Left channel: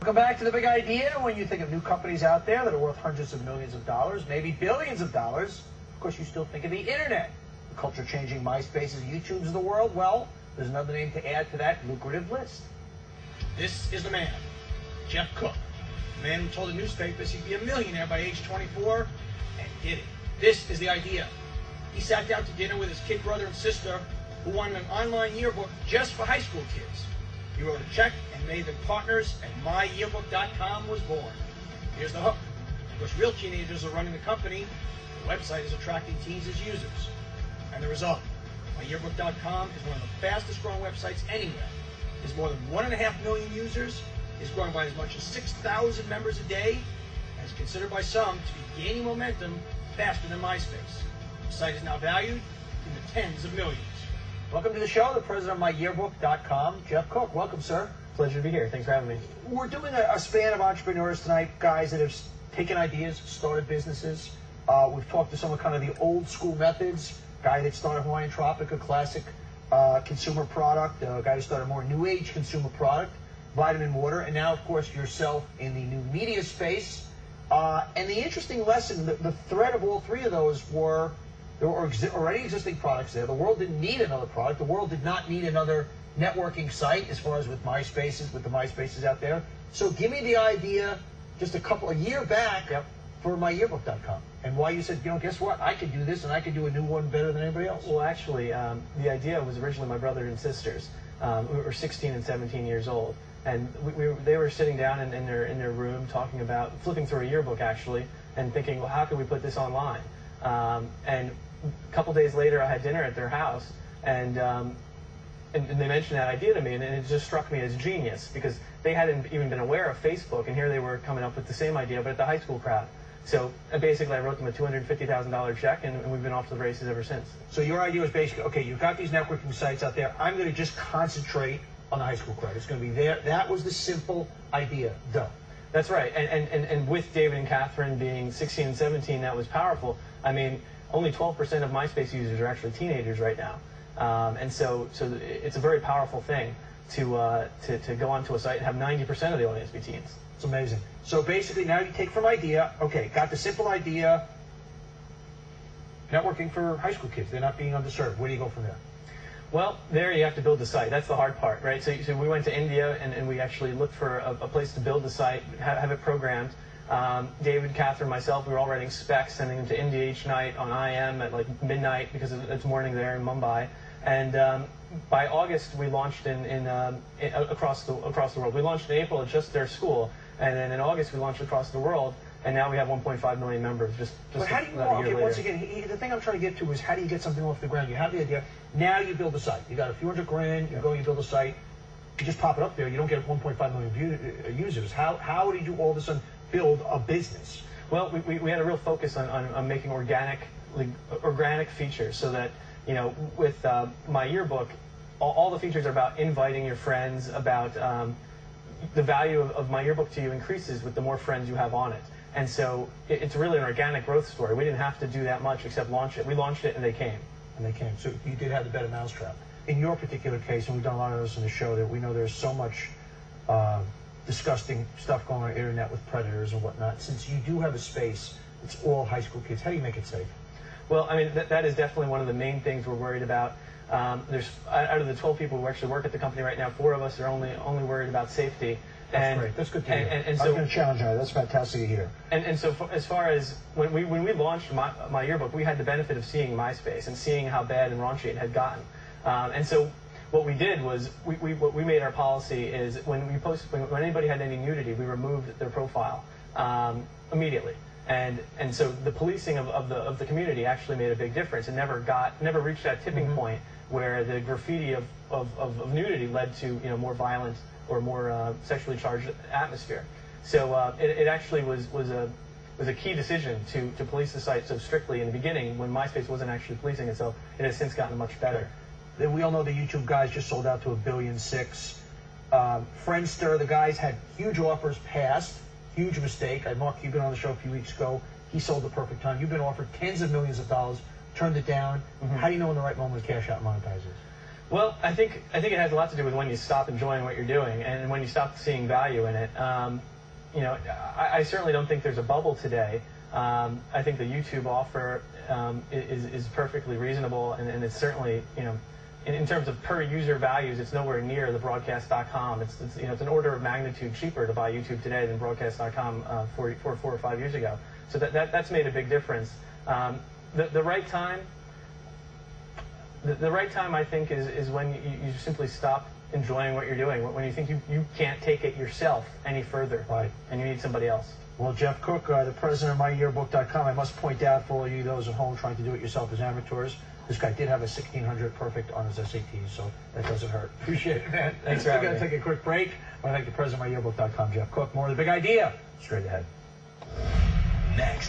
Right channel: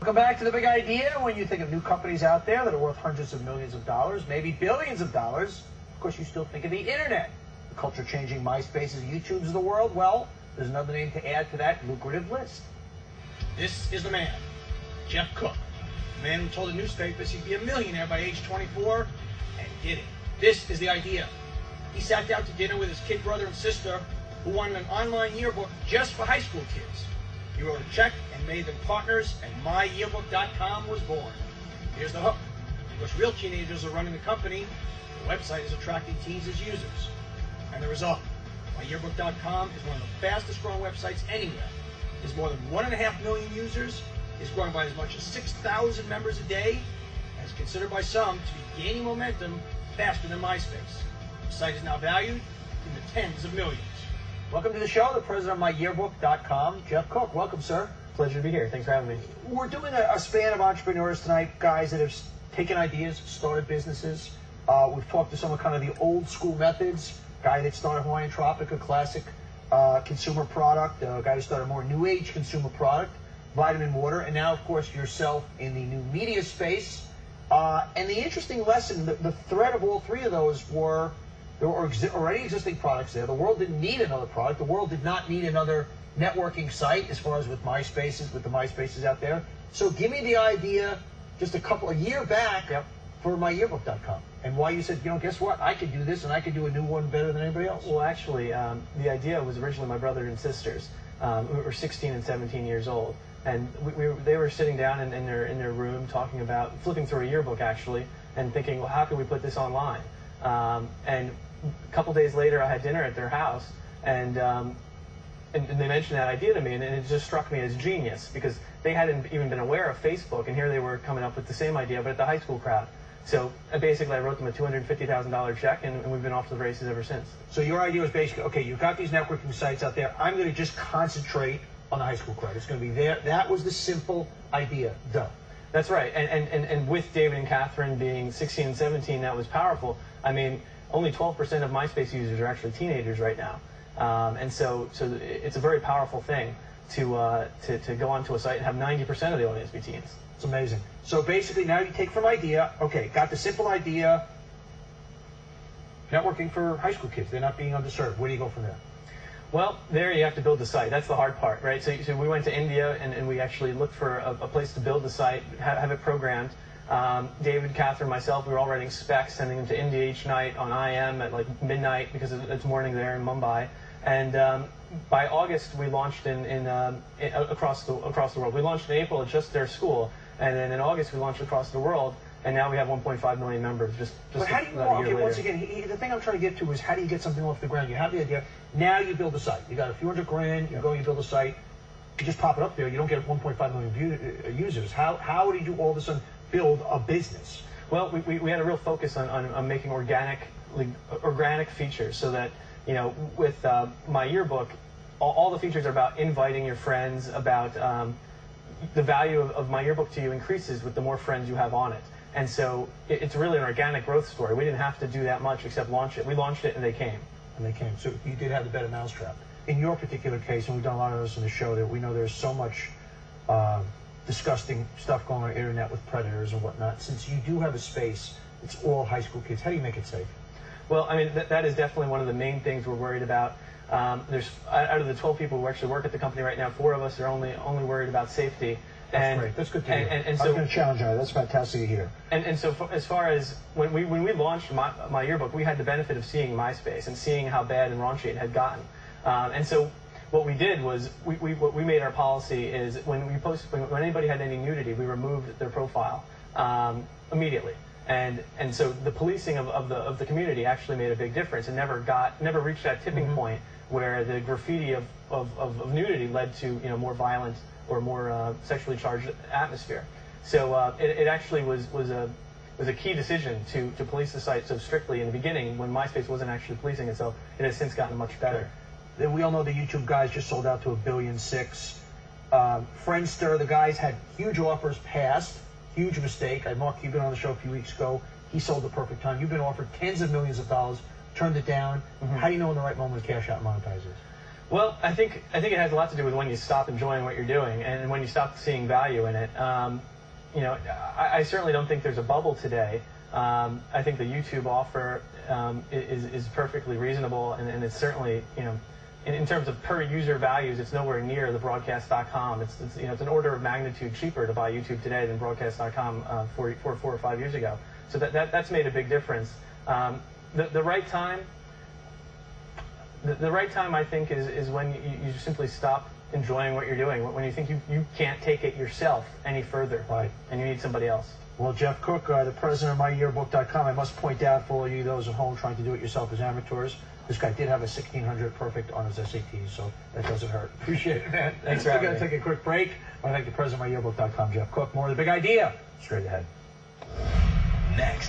Welcome back to The Big Idea. When you think of new companies out there that are worth hundreds of millions of dollars, maybe billions of dollars, of course you still think of the internet. The culture-changing MySpaces, YouTubes of the world. Well, there's another name to add to that lucrative list. This is the man, Jeff Cook. The man who told the newspapers he'd be a millionaire by age 24 and did it. This is the idea. He sat down to dinner with his kid brother and sister who wanted an online yearbook just for high school kids. He wrote a check and made them partners, and MyYearbook.com was born. Here's the hook. Because real teenagers are running the company, the website is attracting teens as users. And the result, MyYearbook.com is one of the fastest growing websites anywhere. There's more than 1.5 million users, is growing by as much as 6,000 members a day, and is considered by some to be gaining momentum faster than MySpace. The site is now valued in the tens of millions. Welcome to the show, the president of MyYearbook.com, Jeff Cook. Welcome, sir. Pleasure to be here. Thanks for having me. We're doing a span of entrepreneurs tonight, guys that have taken ideas, started businesses. We've talked to some of kind of the old school methods. Guy that started Hawaiian Tropic, a classic consumer product. A guy who started a more new age consumer product, vitamin water. And now, of course, yourself in the new media space. And the interesting lesson, the thread of all three of those were there were already existing products there. The world didn't need another product. The world did not need another networking site as far as with MySpaces, with the MySpaces out there. So give me the idea just a year back for MyYearbook.com and why you said, guess what? I could do this and I could do a new one better than anybody else. Well, actually, the idea was originally my brother and sisters who were 16 and 17 years old. And they were sitting down in their room talking about, flipping through a yearbook actually, and thinking, well, how can we put this online? And a couple days later, I had dinner at their house, and they mentioned that idea to me, and it just struck me as genius, because they hadn't even been aware of Facebook, and here they were coming up with the same idea, but at the high school crowd. So basically, I wrote them a $250,000 check, and we've been off to the races ever since. So your idea was basically, okay, you've got these networking sites out there. I'm going to just concentrate on the high school crowd. It's going to be there. That was the simple idea. Duh. That's right. And with David and Catherine being 16 and 17, that was powerful. I mean, only 12% of MySpace users are actually teenagers right now. And so it's a very powerful thing to go onto a site and have 90% of the audience be teens. It's amazing. So basically now you take from idea, okay, got the simple idea, networking for high school kids. They're not being underserved. Where do you go from there? Well, there you have to build the site. That's the hard part, right? So we went to India and we actually looked for a place to build the site, have it programmed. David, Catherine, myself, we were all writing specs, sending them to India each night on IM at like midnight because it's morning there in Mumbai. And by August, we launched across the world. We launched in April at just their school, and then in August we launched across the world. And now we have 1.5 million members. But how do you walk it? Once again, the thing I'm trying to get to is how do you get something off the ground? You have the idea. Now you build a site. You got a few $100,000. You go, you build a site. You just pop it up there. You don't get 1.5 million users. How did you all of a sudden build a business? Well, we had a real focus on making organic features, so that with my yearbook, all the features are about inviting your friends. About the value of my yearbook to you increases with the more friends you have on it. And so it's really an organic growth story. We didn't have to do that much except launch it. We launched it and they came. So you did have the better mousetrap. In your particular case, and we've done a lot of this in the show, that we know there's so much disgusting stuff going on the internet with predators and whatnot. Since you do have a space, it's all high school kids. How do you make it safe? Well, I mean, that is definitely one of the main things we're worried about. There's out of the 12 people who actually work at the company right now, 4 of us are only worried about safety. That's great. That's good to hear. And so, I was going to challenge you. That's fantastic to hear. And so as far as when we launched my yearbook, we had the benefit of seeing MySpace and seeing how bad and raunchy it had gotten. And so what we did was what we made our policy is when anybody had any nudity, we removed their profile immediately. And so the policing of the community actually made a big difference. It never reached that tipping point where the graffiti of nudity led to more violent or more sexually charged atmosphere. So it actually was a key decision to police the site so strictly in the beginning when MySpace wasn't actually policing it. So it has since gotten much better. We all know the YouTube guys just sold out to $1.6 billion. Friendster, the guys had huge offers passed. Huge mistake. Mark Cuban on the show a few weeks ago. He sold the perfect time. You've been offered tens of millions of dollars, turned it down. How do you know when the right moment to cash out and monetize is? Well, I think it has a lot to do with when you stop enjoying what you're doing and when you stop seeing value in it. I certainly don't think there's a bubble today. I think the YouTube offer is perfectly reasonable, and it's certainly, in terms of per user values, it's nowhere near the broadcast.com. It's an order of magnitude cheaper to buy YouTube today than broadcast.com 4 or 5 years ago. So that's made a big difference. The right time. The right time, I think, is when you simply stop enjoying what you're doing, when you think you can't take it yourself any further, right, and you need somebody else. Well, Jeff Cook, the president of MyYearbook.com, I must point out for all you those at home trying to do it yourself as amateurs, this guy did have a 1600 perfect on his SATs, so that doesn't hurt. Appreciate it, man. Thanks for having me. We're going to take a quick break. I want to thank the president of MyYearbook.com, Jeff Cook. More of The Big Idea straight ahead. Next.